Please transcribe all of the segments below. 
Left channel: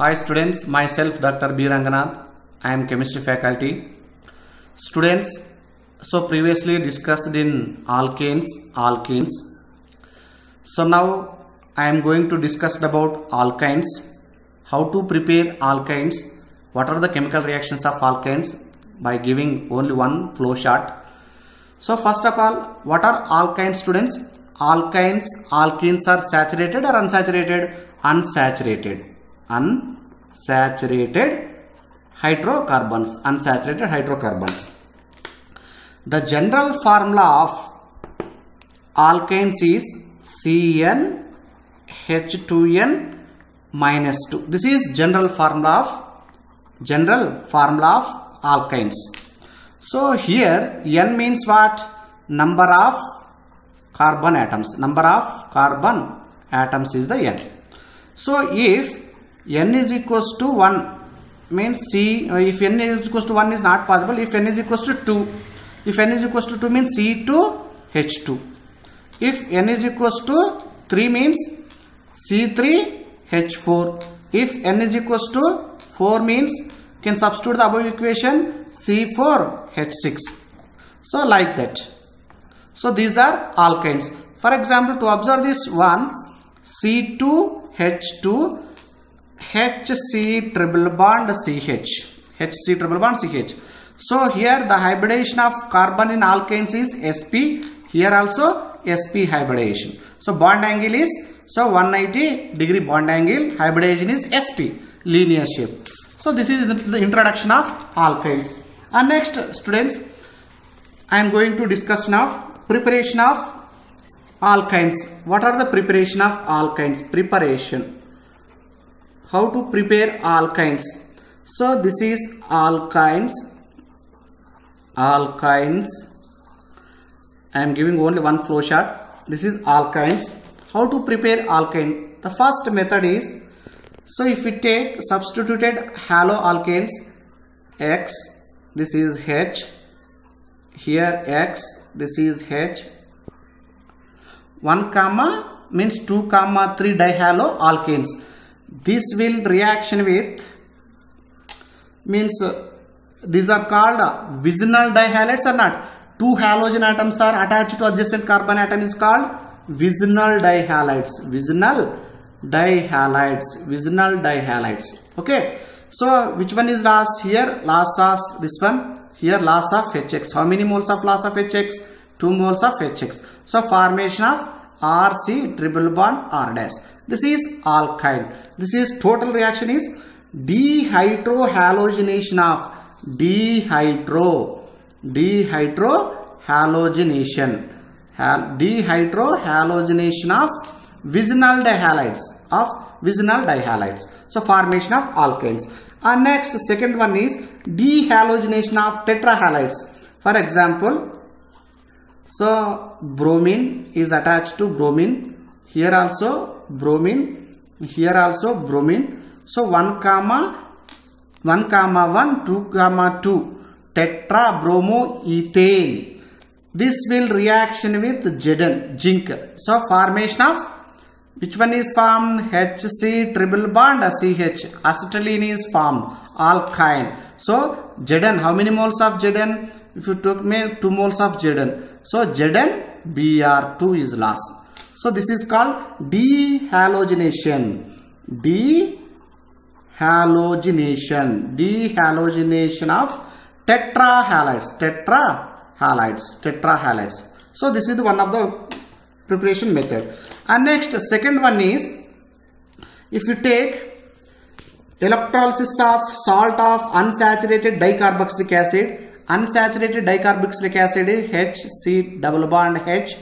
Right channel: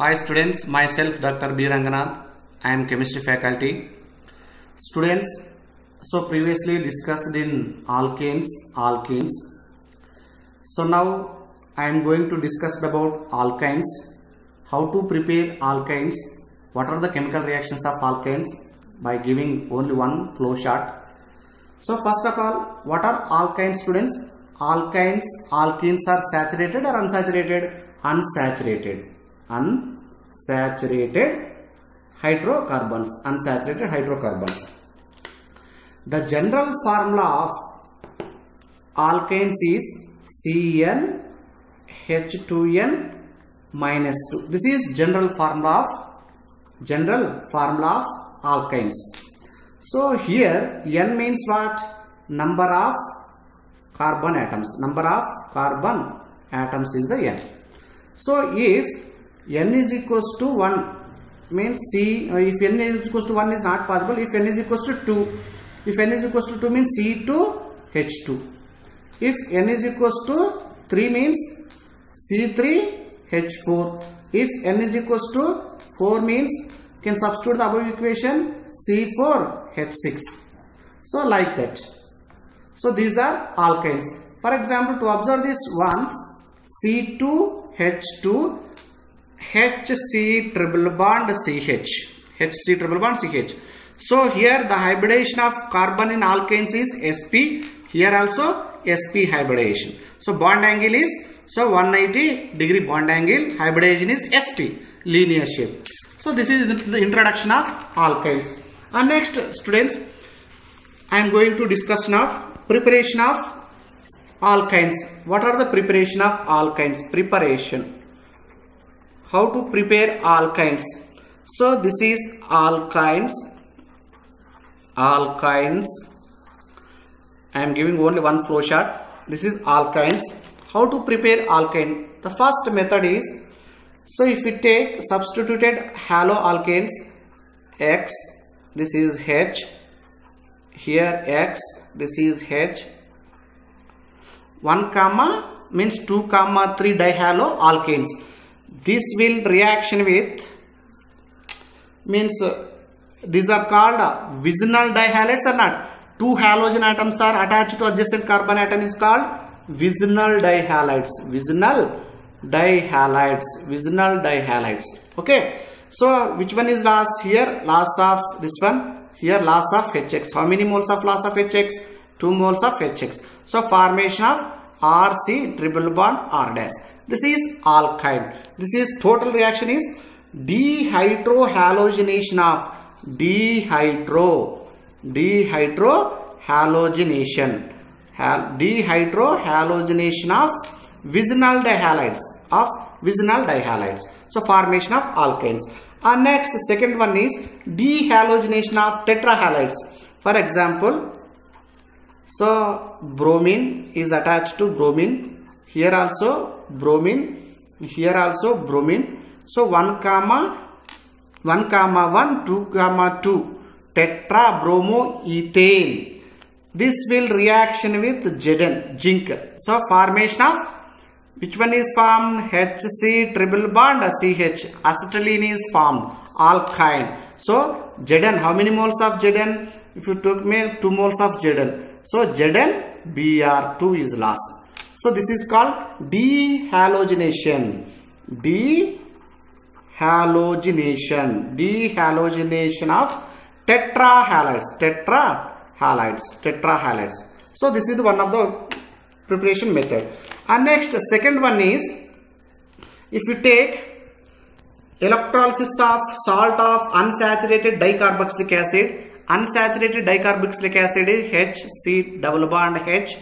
Hi students, myself Dr. B. Ranganath. I am chemistry faculty. Students, so previously discussed in alkenes. So now I am going to discuss about alkynes, how to prepare alkynes, what are the chemical reactions of alkynes by giving only one flow chart. So first of all, what are alkynes, students? Alkenes are saturated or unsaturated? Unsaturated hydrocarbons. Unsaturated hydrocarbons. The general formula of alkynes is CnH2n minus 2. This is general formula of alkynes. So here n means what? Number of carbon atoms. Number of carbon atoms is the n. So if n is equals to 1 means if n is equals to 1 is not possible. If n is equals to 2, if n is equals to 2 means C2H2. If n is equals to 3 means C3H4. If n is equals to 4 means you can substitute the above equation C4H6. So like that. So these are alkynes. For example, to observe this one, C2H2 HC triple bond CH. HC triple bond CH. So here the hybridization of carbon in alkynes is sp. Here also sp hybridization. So bond angle is 180-degree bond angle. Hybridization is sp, linear shape. So this is the introduction of alkynes. And next, students, I am going to discuss now preparation of alkynes. What are the preparation of alkynes? Preparation. How to prepare alkynes? So this is alkynes. I am giving only one flow chart. This is alkynes. How to prepare alkyne? The first method is, so if we take substituted haloalkanes, X, this is H, here X, this is H, 1 comma means 2 comma 3 dihaloalkanes. This will reaction with means these are called vicinal dihalides or not. 2 halogen atoms are attached to adjacent carbon atom is called vicinal dihalides. Vicinal dihalides. Okay. So which one is loss? Here loss of this one. Here loss of HX. How many moles of loss of HX? 2 moles of HX. So formation of RC triple bond R dash. This is alkyne. This is total reaction is dehydrohalogenation of dehydrohalogenation of vicinal dihalides. So formation of alkynes. And next, second one is dehalogenation of tetrahalides. For example, so bromine is attached to bromine. Here also bromine. Here also bromine. So 1 comma 1, 2 comma 2 tetrabromoethane. This will reaction with Zn, zinc. So formation of which one is formed? HC triple bond CH. Acetylene is formed. Alkyne. So Zn, how many moles of Zn? If you took me 2 moles of Zn. So Zn Br2 is lost. So this is called dehalogenation. Dehalogenation of tetrahalides. So this is one of the preparation method. And next, second one is, if you take electrolysis of salt of unsaturated dicarboxylic acid. Unsaturated dicarboxylic acid is HC double bond H.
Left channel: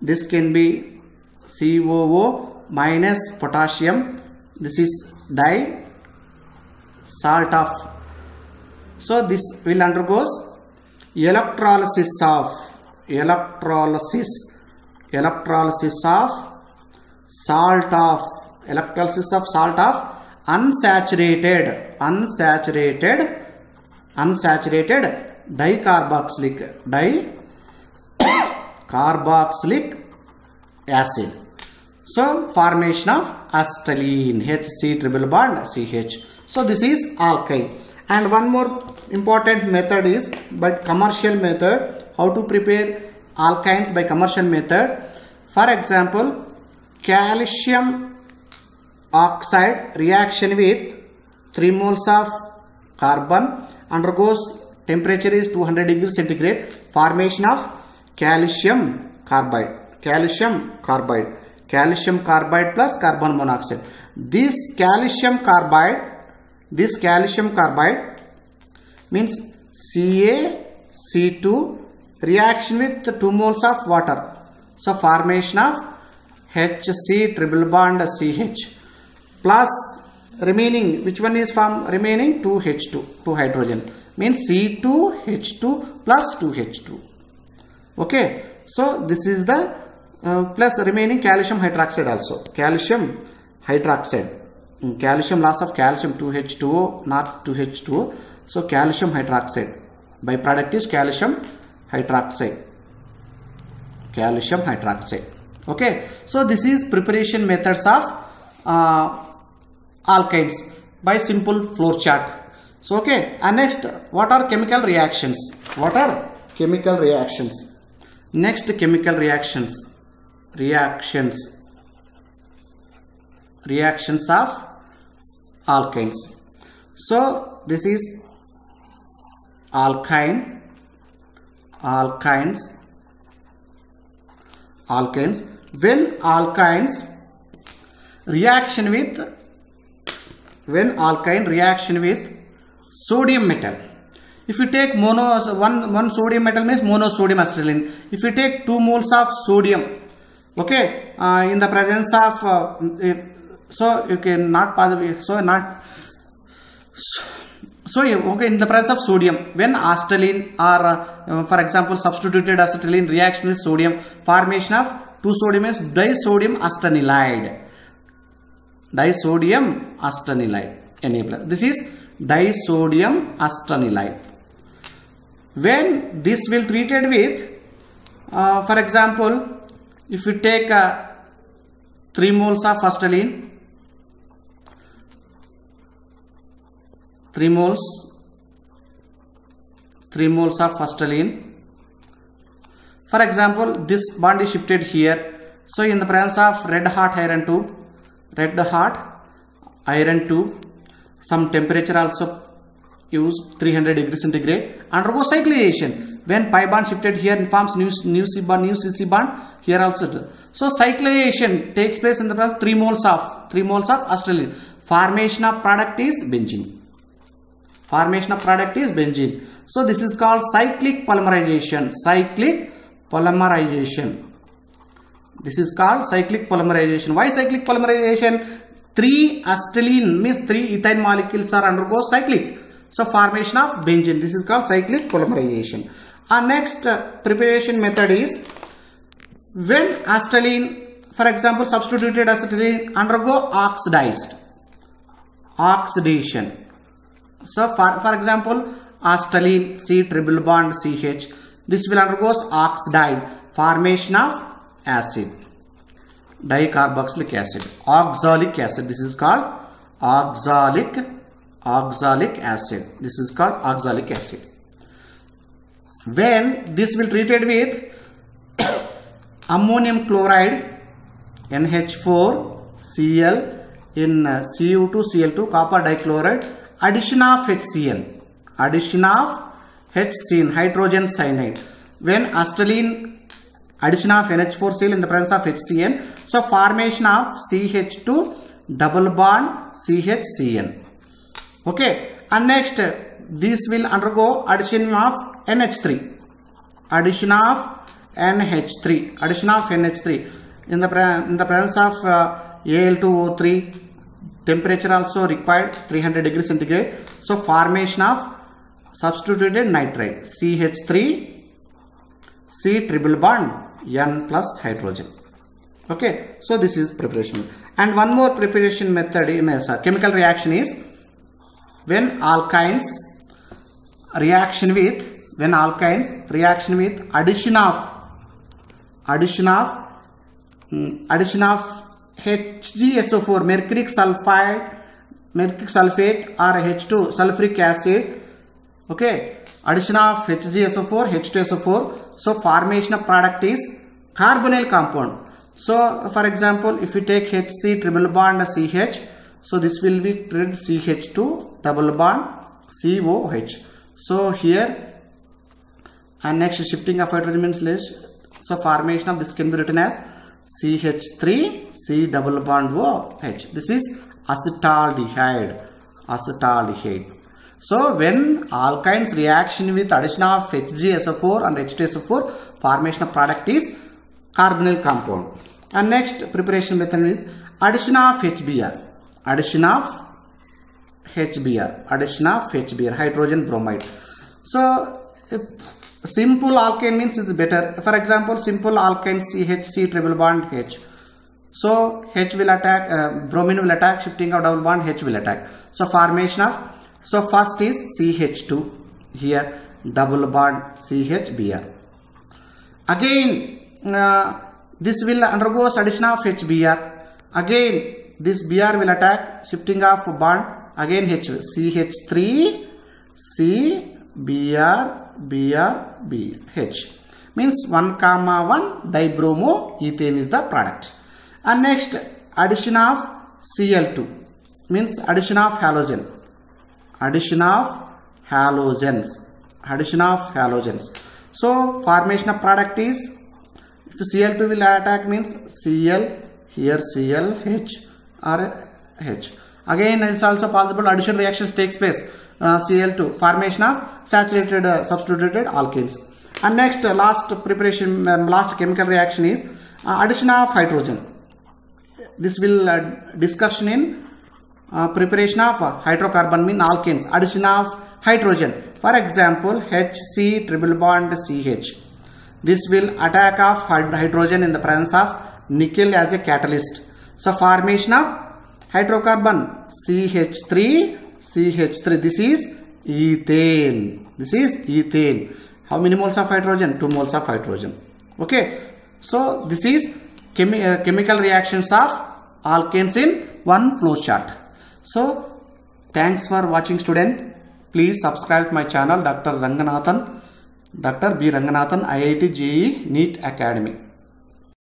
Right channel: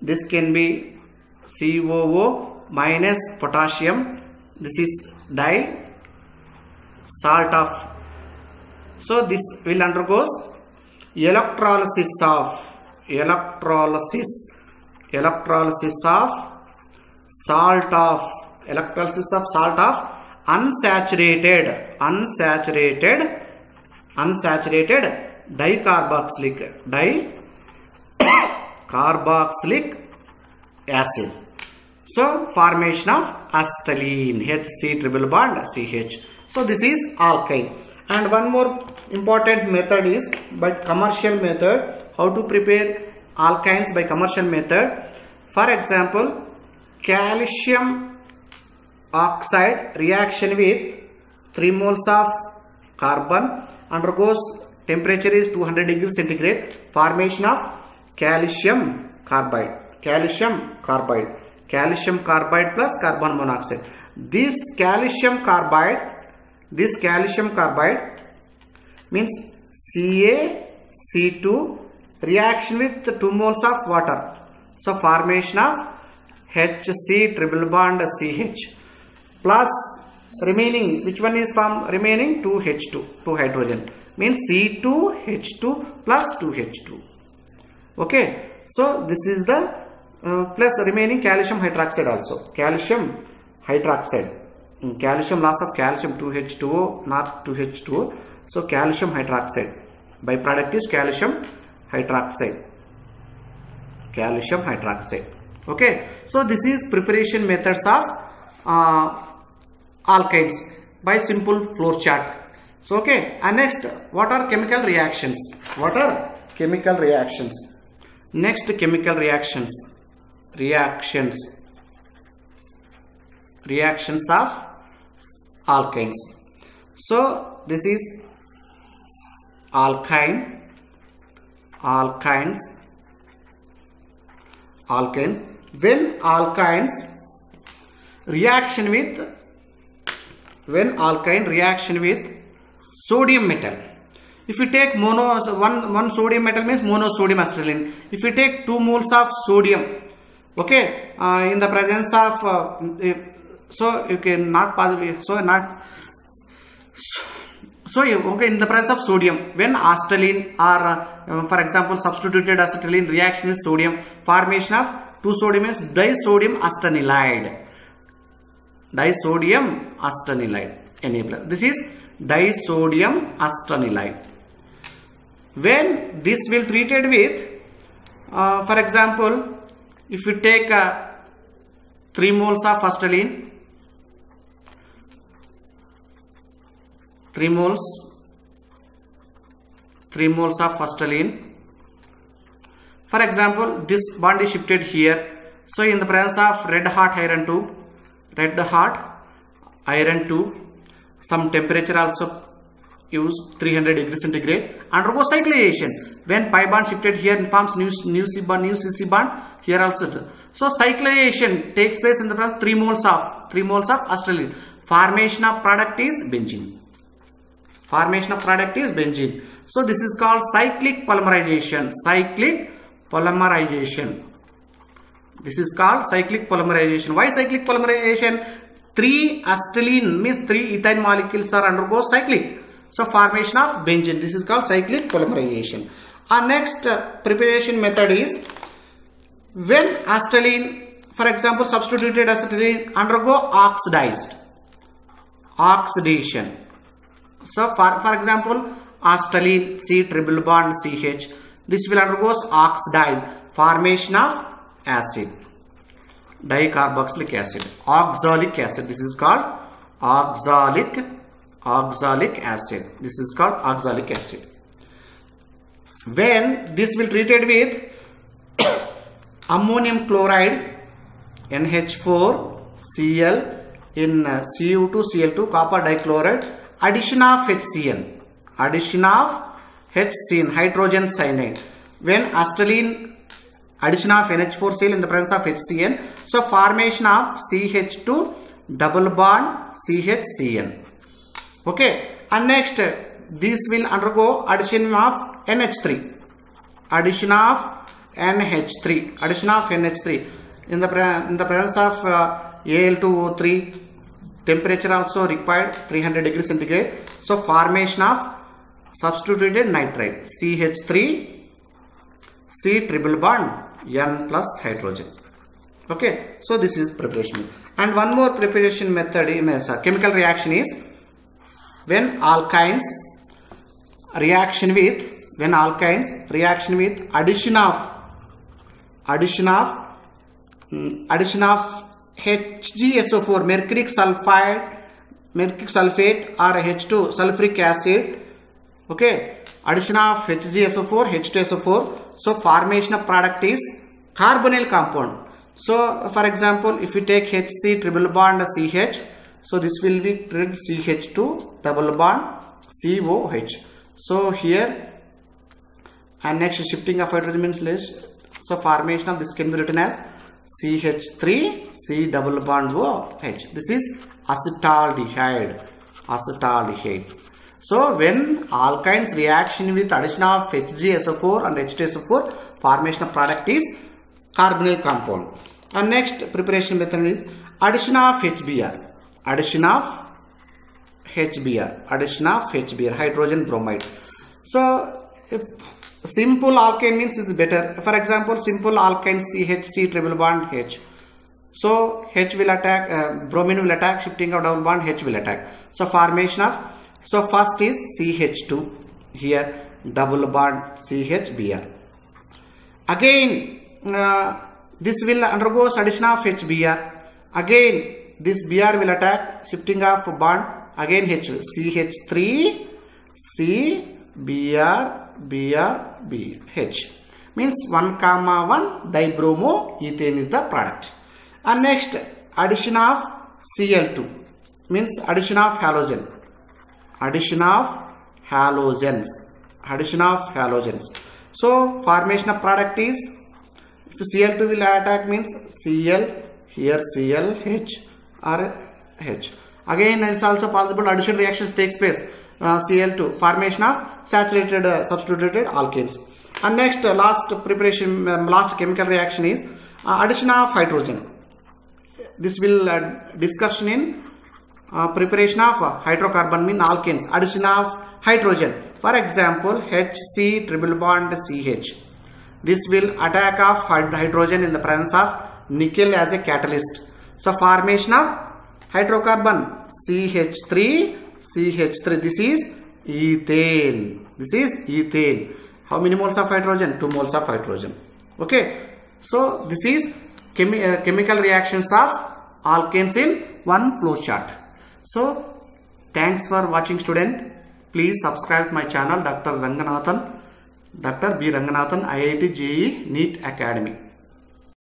This can be COO minus potassium. This is salt of. So this will undergoes electrolysis of salt of unsaturated dicarboxylic acid. So formation of acetylene, HC triple bond CH. So this is alkyne. And one more important method is by commercial method, how to prepare alkynes by commercial method. For example, calcium oxide reaction with 3 moles of carbon undergoes temperature is 200 degrees centigrade, formation of calcium carbide plus carbon monoxide. This calcium carbide means CaC2 reaction with 2 moles of water. So formation of HC triple bond CH plus remaining, which one is formed? Remaining 2H2, 2 hydrogen, means C2H2 plus 2H2. Okay, so this is the plus remaining calcium hydroxide also. Calcium hydroxide. Calcium loss of calcium 2H2O, not 2H2O. So calcium hydroxide. Byproduct is calcium hydroxide. Calcium hydroxide. Okay. So this is preparation methods of alkynes by simple flow chart. So okay. And next, what are chemical reactions? What are chemical reactions? Next, chemical reactions. Reactions of alkynes. So this is alkynes. When alkyne reaction with sodium metal. If you take one sodium metal means monosodium acetylene. If you take 2 moles of sodium, okay, in the presence of so you cannot possibly okay, in the presence of sodium, when acetylene or for example substituted acetylene reaction with sodium, formation of 2 sodium is disodium acetanilide. Enabler. This is disodium acetanilide. When this will treated with for example, if you take 3 moles of acetylene, 3 moles of acetylene. For example, this bond is shifted here. So in the presence of red hot iron tube, some temperature also use 300 degrees centigrade, undergo cyclization. When pi bond shifted here and forms new CC bond here also. So cyclization takes place in the presence 3 moles of acetylene. Formation of product is benzene. So this is called cyclic polymerization. This is called cyclic polymerization. Why cyclic polymerization? 3 acetylene means 3 ethyne molecules are undergo cyclic. So formation of benzene. This is called cyclic polymerization. Our next preparation method is when acetylene, for example substituted acetylene, undergo oxidation. So for example acetylene C triple bond CH, this will undergoes oxidize, formation of acid, dicarboxylic acid, oxalic acid. This is called oxalic acid. This is called oxalic acid. When this will treated with ammonium chloride NH4Cl in Cu2Cl2 copper dichloride, addition of HCl, hydrogen cyanide. When acetylene, addition of NH4Cl in the presence of HCl, so formation of CH2 double bond CHCl. Okay, and next this will undergo addition of NH3. Addition of NH3 in the presence of Al2O3. Temperature also required 300 degrees centigrade. So formation of substituted nitride CH3 C triple bond N plus hydrogen. Okay, so this is preparation. And one more preparation method in chemical reaction is when alkynes reaction with addition of HgSO4, mercuric sulfate or H2 sulfuric acid. Okay, addition of HgSO4, H2SO4. So formation of product is carbonyl compound. So for example, if we take HC triple bond CH, so this will be CH2 double bond COH. So here, and next shifting of hydrogen means less. So formation of this can be written as CH3 C double bond OH. This is acetaldehyde. So when alkynes reaction with addition of HgSO4 and H2SO4, formation of product is carbonyl compound. And next preparation method is addition of HBr, hydrogen bromide. So if simple alkane means it's better. For example, simple alkane CHC triple bond H. So H will attack, bromine will attack, shifting of double bond H will attack. So formation of, so first is CH2 here, double bond CHBr. Again this will undergo addition of HBr. Again this Br will attack, shifting of bond, again H, CH3 C Br H, means 1,1 dibromoethane is the product. And next addition of Cl2 means addition of halogens. So formation of product is, if Cl2 will attack means Cl, here Cl H or H. Again it's also possible addition reactions takes place. Cl2 formation of saturated substituted alkanes. And next last preparation, last chemical reaction is addition of hydrogen. This will discussion in preparation of hydrocarbon mean alkanes. Addition of hydrogen, for example HC triple bond CH. This will attack of hydrogen in the presence of nickel as a catalyst. So formation of hydrocarbon CH3 CH3, this is ethane. How many moles of hydrogen? 2 moles of hydrogen. Okay, so this is chemical reactions of alkanes in one flow chart. So thanks for watching, student. Please subscribe to my channel, Dr. B. Ranganathan, IIT JEE NEET Academy.